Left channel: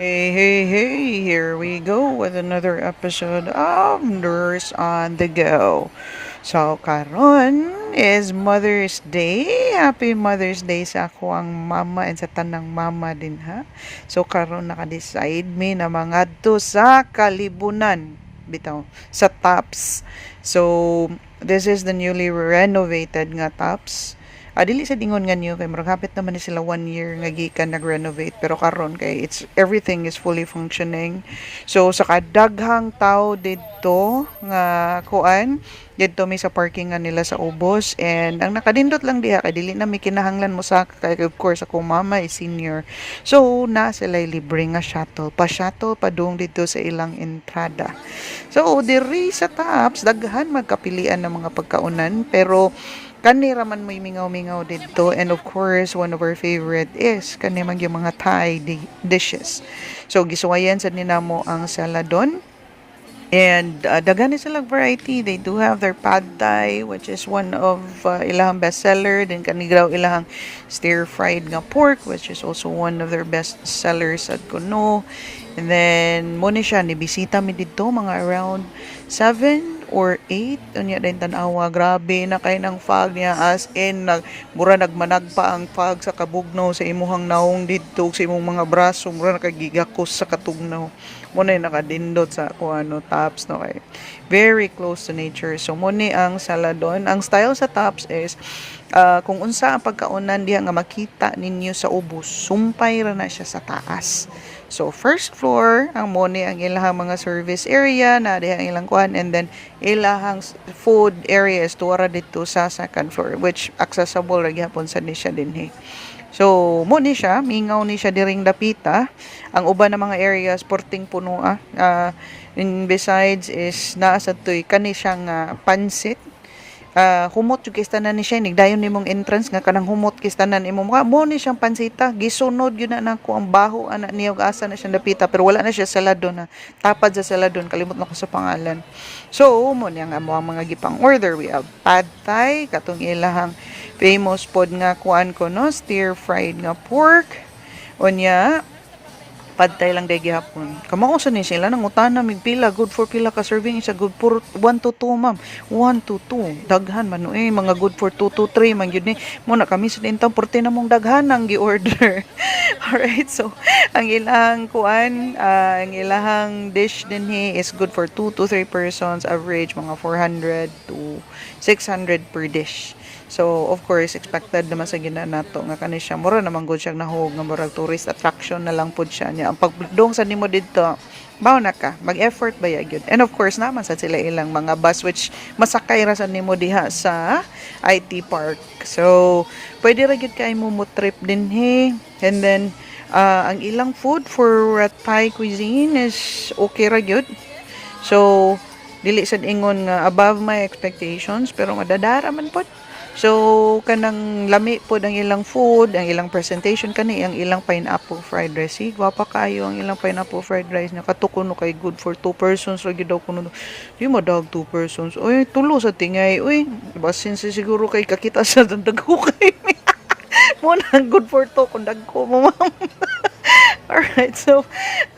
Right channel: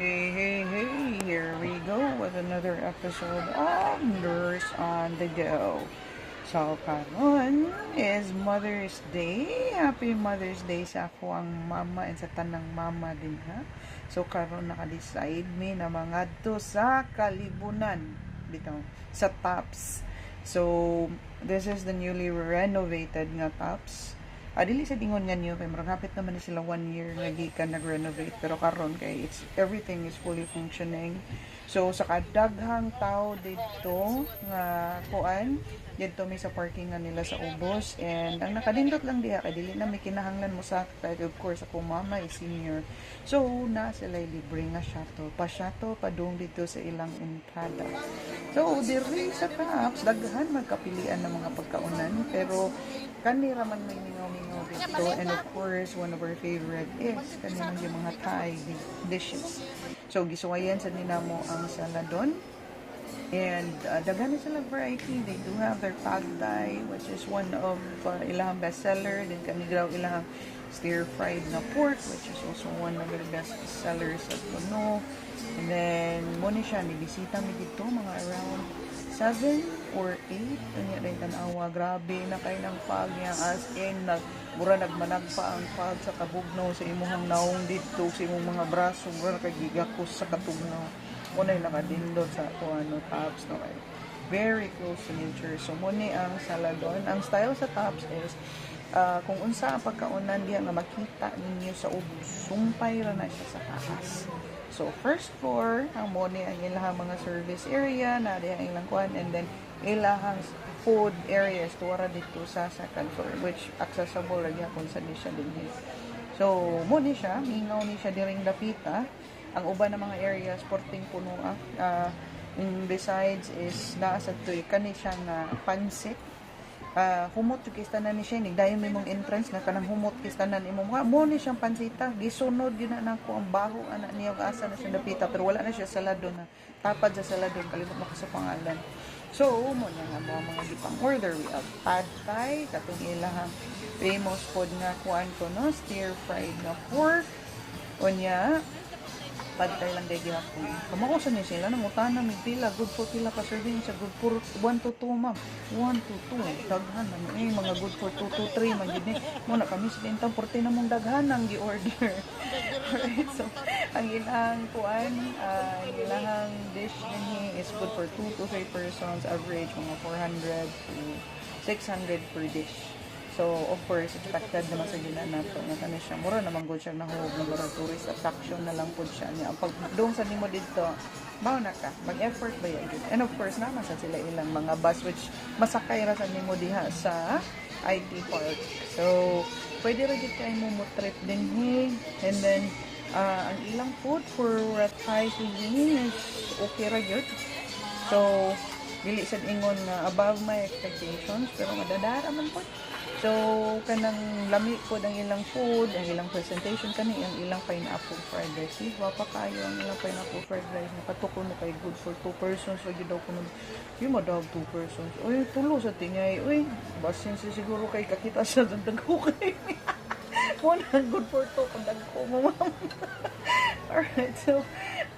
Hey, hey, hey, here we go with another episode of Nurse on the Go. So, karon is Mother's Day. Happy Mother's Day sa ako ang mama and sa tanang mama din ha. So, karon naka-decide me na mangadto sa Kalibunan bitaw sa Tops. So, this is the newly renovated nga Tops. Dili sa dingon nga niyo kay murag hapit naman ni sila 1 year nga gikan nag-renovate pero karon kay it's everything is fully functioning. So sa kadaghang tao didto nga kuan didto mi sa parking nga nila sa Ubos, and ang nakadindot lang diha kay dili na mi kinahanglan mo sa kay of course ako mama is senior. So na sila libre nga shuttle pa dong dito sa ilang entrada. So diri sa Tops daghan magkapilian ng mga pagkaunan pero kani raman may mingaw-mingaw dito, and of course one of our favorite is kani man yung mga Thai dishes. So gisuwayan sa ninamo ang saladon, and daghan sila variety. They do have their pad thai which is one of ilahang bestseller, then kanigraw ilahang stir fried nga pork which is also one of their best sellers at kuno. And then mo ni siya ni bisita mi dito mga around 7 or 8 unya din tanawa, grabe na kay ng fog niya, as in mura nagmanag pa ang fog sa kabugnaw sa imuhang naong didto sa imong mga braso, mura nakagigakos sa katugnaw mo na nakadindot sa kuano Tops no, kay very close to nature. So mo ni ang saladon. Ang style sa Tops is kung unsa ang pagkaunan diha nga makita ninyo sa Ubos, sumpay ra na siya sa taas. So first floor ang moni ang ilahang mga service area na diha ang ilang kuan, and then ilahang food area is tuwara dito sa second floor which accessible ra gyapon sa ni siya dinhi. So mo ni siya mingaw ni siya diring dapita. Ang uban ng mga areas porting puno and besides is naa sa toy kani siyang pansit. Humot yung kistanan ni siya, nigdayon ni mong entrance nga kanang humot kistanan imo mo ni siyang pansita, gisunod yun na nako ang baho anak niya ug asa na siyang dapita, pero wala na siya saladon na tapad sa saladon, kalimot na ko sa pangalan. So mo niya nga mo ang mga gipang order. We have pad thai katong ilahang famous pod nga kuan ko no, stir fried nga pork unya pad thai lang day gihapon. Kamao sa ni sila nang utana mig pila, good for pila ka serving, isa good for 1 to 2 ma'am. 1 to 2 daghan man mga good for 2 to 3 man gyud ni. Mo na kami sa intang porte na mong daghan ang gi-order. Alright, so ang ilang kuan, ang ilahang dish dinhi is good for 2 to 3 persons, average mga 400 to 600 per dish. So, of course, expected naman sa ginanato nga kani siya. Mura naman good siya nahog nga murag tourist attraction na lang pud siya niya. Ang pagdong sa nimo dito, bawo na ka, mag-effort ba ya gyud. And of course, naman sa sila ilang mga bus which masakay ra sa nimo diha sa IT Park. So, pwede ra gyud kay mo trip din he. And then, ang ilang food for Thai cuisine is okay ra gyud. So, dili sad ingon nga above my expectations pero madadara man pod. So kanang lami po ang ilang food, ang ilang presentation kani ang ilang pineapple fried rice. Gwapa kayo ang ilang pineapple fried rice nya katukuno kay good for 2 persons ra gyud daw kuno. Di mo dog 2 persons. Oy tulo sa tingay. Oy basin siguro kay kakita sa dagko kay. Mo nang good for 2 kung dagko mo ma'am. Alright, so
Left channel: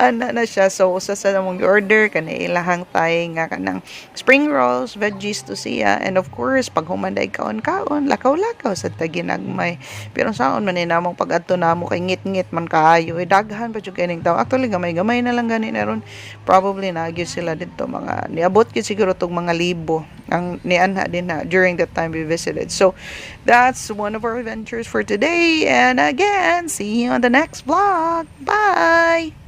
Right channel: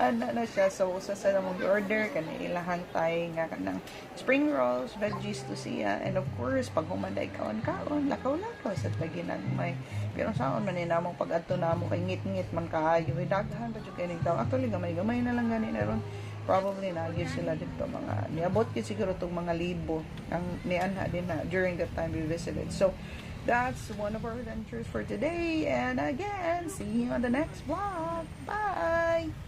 ana na siya. So usa sa namong order kanay ilahang Thai nga kanang spring rolls, veggies to siya, and of course pag humanday kaon-kaon, lakaw-lakaw sa taginagmay. Pero saon man ni namong pag-adto namo kay ngit-ngit man kaayo, daghan pa jud kining tawo. Actually gamay-gamay na lang gani na ron. Probably nagyud sila dito mga niabot gyud siguro tog mga libo ang nianha din na during that time we visited. So that's one of our adventures for today, and again, see you on the next vlog. Bye!